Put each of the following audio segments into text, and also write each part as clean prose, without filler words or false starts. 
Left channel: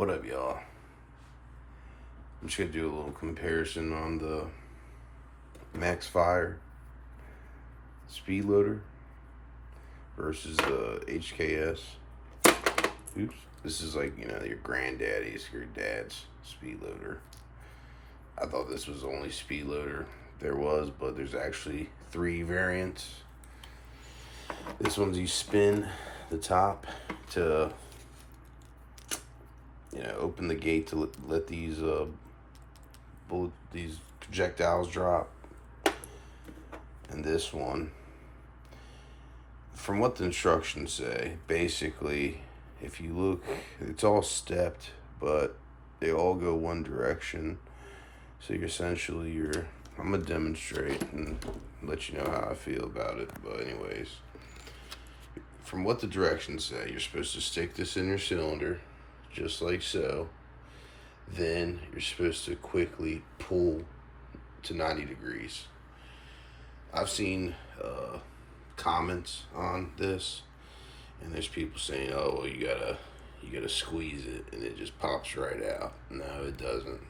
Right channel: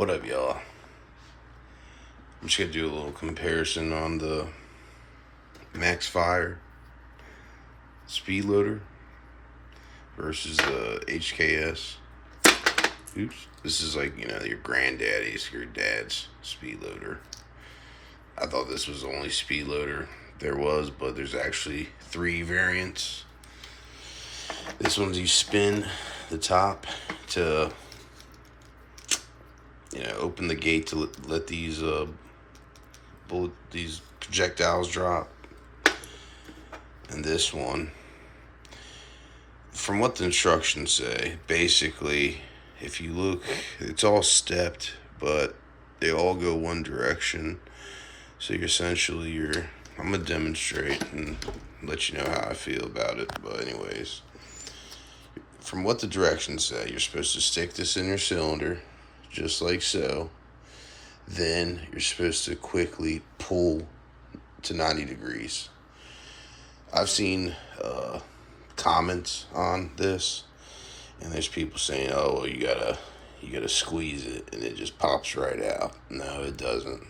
What up, y'all? I'm just gonna do a little comparison on the MaxFire speed loader versus the HKS. Oops. This is like, your granddaddy's, your dad's speed loader. I thought this was the only speed loader there was, but there's actually 3 variants. This one's you spin the top to open the gate to let these these projectiles drop. And this one, from what the instructions say, basically, if you look, it's all stepped, but they all go one direction. So I'm gonna demonstrate and let you know how I feel about it. But anyways, from what the directions say, you're supposed to stick this in your cylinder, just like so. Then you're supposed to quickly pull to 90 degrees. I've seen comments on this, and there's people saying, "Oh, well, you gotta squeeze it, and it just pops right out." No, it doesn't.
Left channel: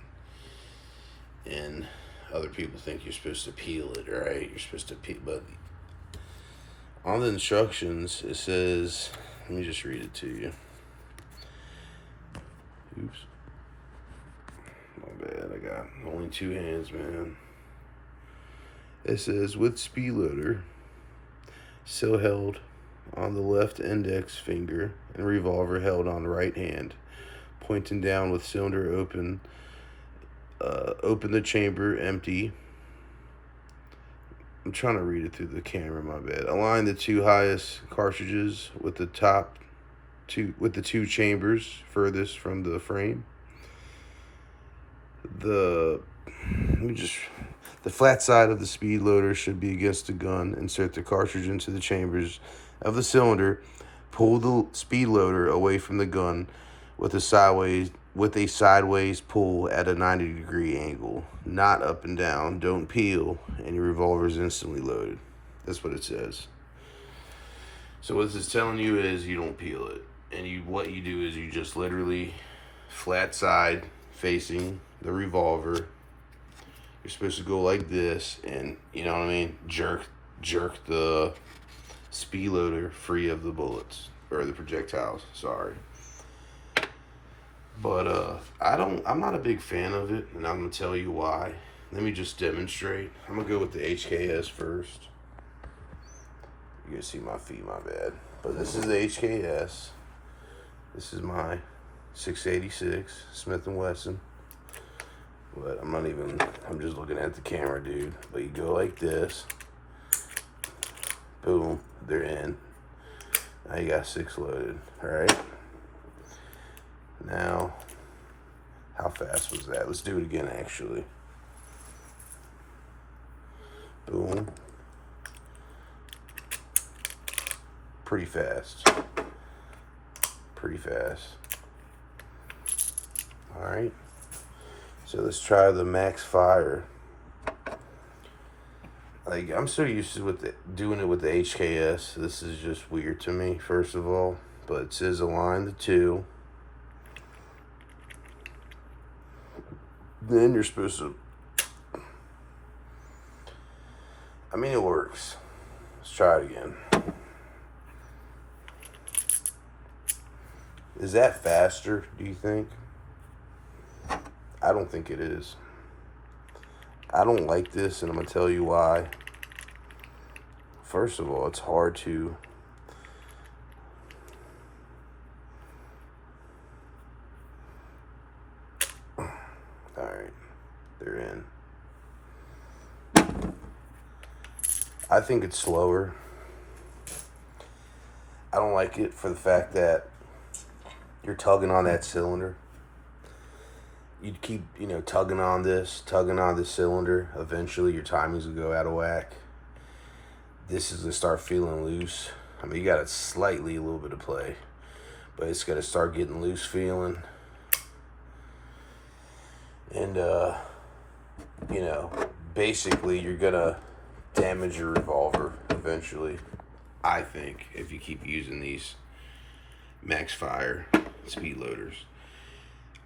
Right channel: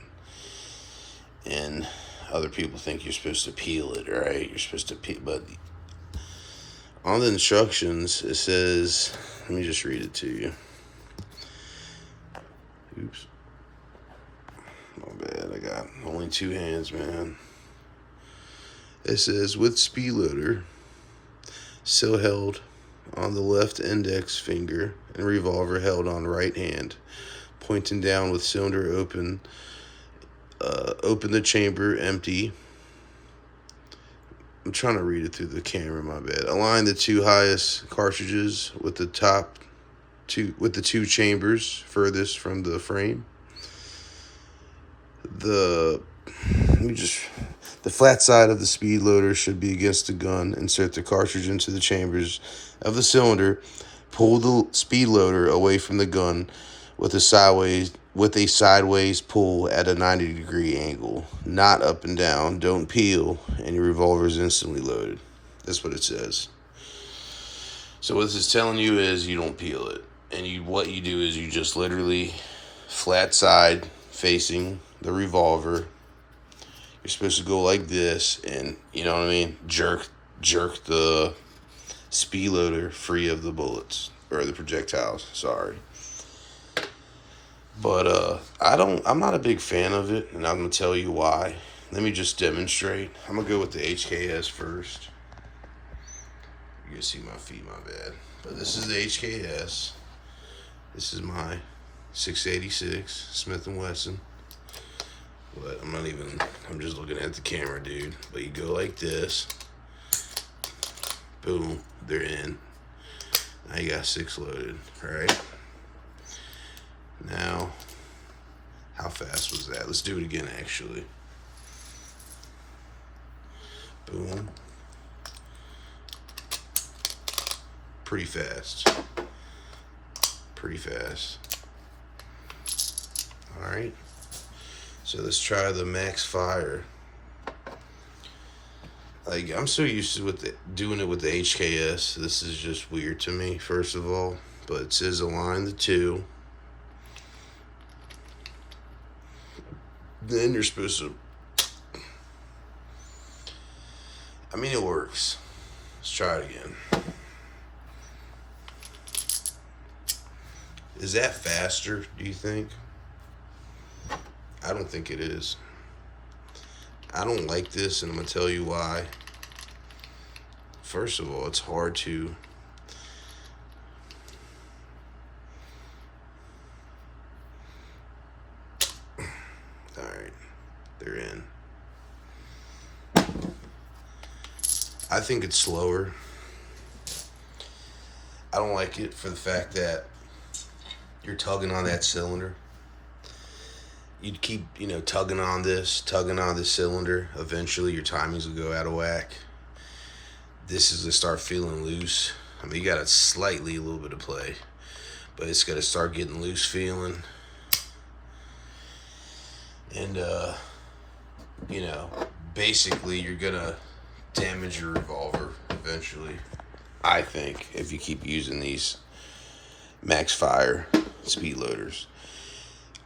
And other people think you're supposed to peel it, right? You're supposed to peel, but on the instructions it says, let me just read it to you. Oops. My bad, I got only 2 hands, man. It says, with speed loader still held on the left index finger and revolver held on right hand, pointing down with cylinder open, open the chamber empty. I'm trying to read it through the camera, my bad. Align the 2 highest cartridges with the the 2 chambers furthest from the frame. The flat side of the speed loader should be against the gun. Insert the cartridge into the chambers of the cylinder. Pull the speed loader away from the gun with a sideways pull at a 90-degree angle, not up and down. Don't peel, and your revolver is instantly loaded. That's what it says. So what this is telling you is you don't peel it, and what you do is you just literally flat side facing the revolver. You're supposed to go like this, and you know what I mean, jerk the speed loader free of the bullets or the projectiles. Sorry. But I'm not a big fan of it, and I'm gonna tell you why. Let me just demonstrate. I'm gonna go with the HKS first. You're gonna see my feet, my bad. But this is the HKS. This is my 686 Smith & Wesson. But I'm just looking at the camera, dude. But you go like this. Boom, they're in. Now you got 6 loaded, alright? Now, how fast was that? Let's do it again, actually. Boom. Pretty fast. Alright. So let's try the MaxFire. Like, I'm so used to doing it with the HKS. This is just weird to me, first of all. But it says align the 2. Then you're supposed to... it works. Let's try it again. Is that faster, do you think? I don't think it is. I don't like this, and I'm going to tell you why. First of all, it's hard to... Alright, they're in. I think it's slower. I don't like it for the fact that you're tugging on that cylinder. You'd keep, tugging on this cylinder. Eventually, your timings will go out of whack. This is to start feeling loose. You got a little bit of play, but it's got to start getting loose feeling. And, basically, you're going to damage your revolver eventually, I think, if you keep using these MaxFire speed loaders.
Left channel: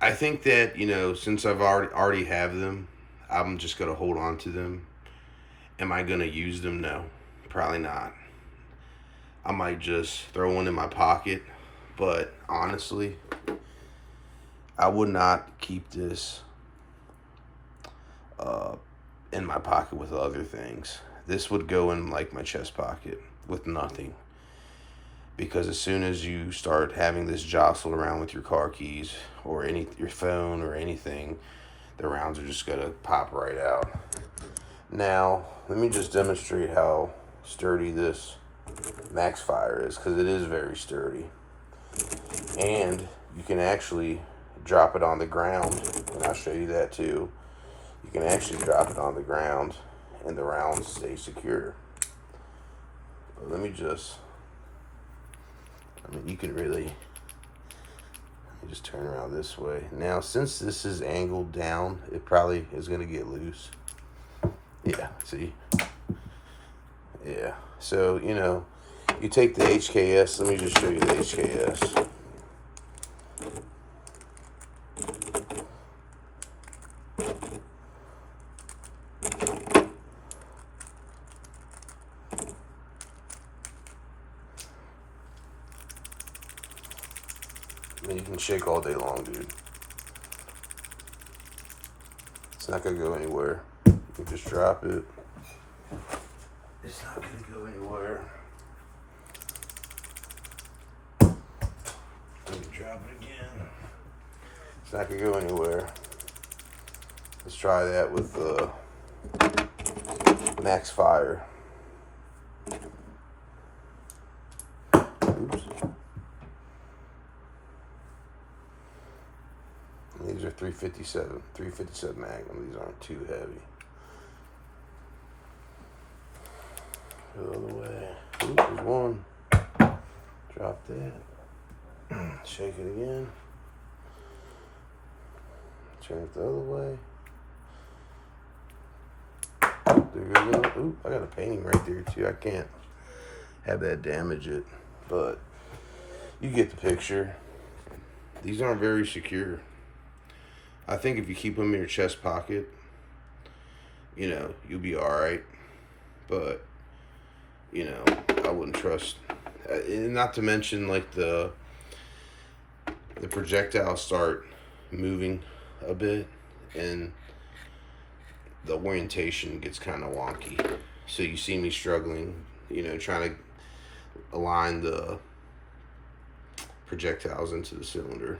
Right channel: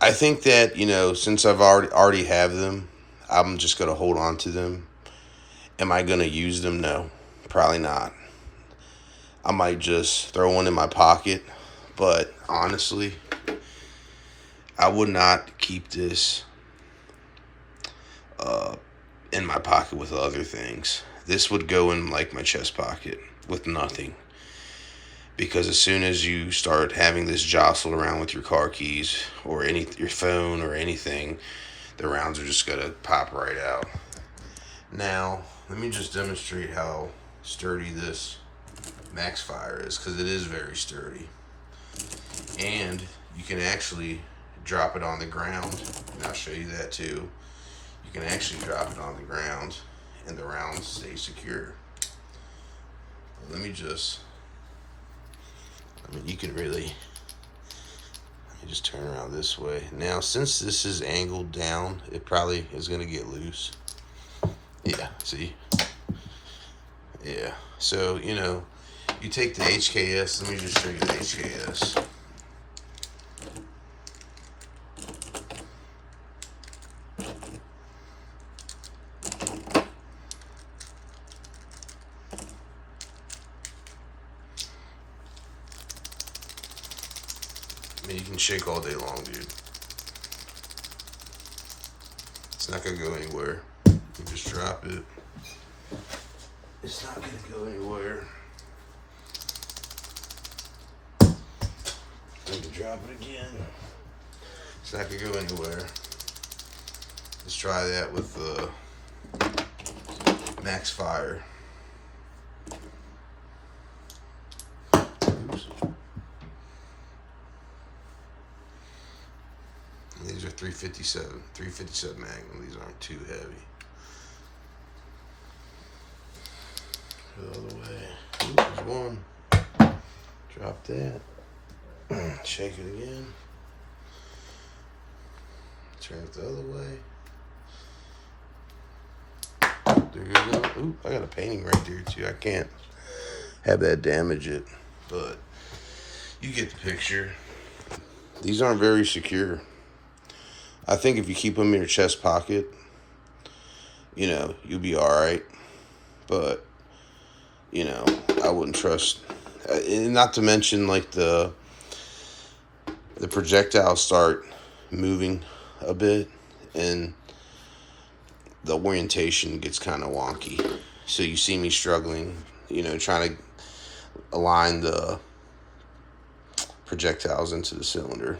I think that, you know, since I've already have them, I'm just gonna hold on to them. Am I gonna use them? No, probably not. I might just throw one in my pocket, but honestly, I would not keep this uh, in my pocket with other things. This would go in like my chest pocket with nothing. Because as soon as you start having this jostle around with your car keys or your phone or anything, the rounds are just gonna pop right out. Now, let me just demonstrate how sturdy this MaxFire is, because it is very sturdy. And you can actually drop it on the ground, and I'll show you that too. You can actually drop it on the ground and the rounds stay secure. But let me you can really, let me just turn around this way. Now, since this is angled down, it probably is gonna get loose. Yeah, see? Yeah, so, you know, you take the HKS, let me just show you the HKS. I mean, you can shake all day long, dude. It's not gonna go anywhere. You just drop it. It's not gonna go anywhere. Let me drop it again. It's not gonna go anywhere. Let's try that with the MaxFire. Oops. These are 357 Magnum. These aren't too heavy. Go the other way. Ooh, there's one. Drop that. Shake it again. Turn it the other way. There you go. Ooh, I got a painting right there too. I can't have that damage it, but you get the picture. These aren't very secure. I think if you keep them in your chest pocket, you know, you'll be all right. But, you know, I wouldn't trust. Not to mention, like, the projectiles start moving a bit, and the orientation gets kind of wonky. So you see me struggling, you know, trying to align the projectiles into the cylinder.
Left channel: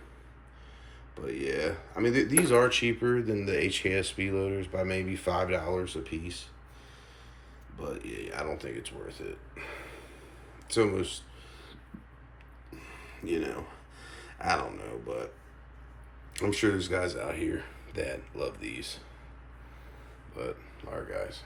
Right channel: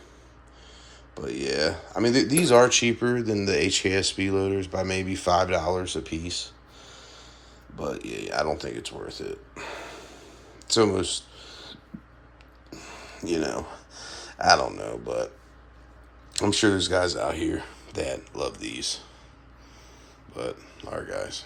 But yeah, I mean, these are cheaper than the HKS speed loaders by maybe $5 a piece. But yeah, I don't think it's worth it. It's almost, you know, I don't know, but I'm sure there's guys out here that love these. But, all right, guys.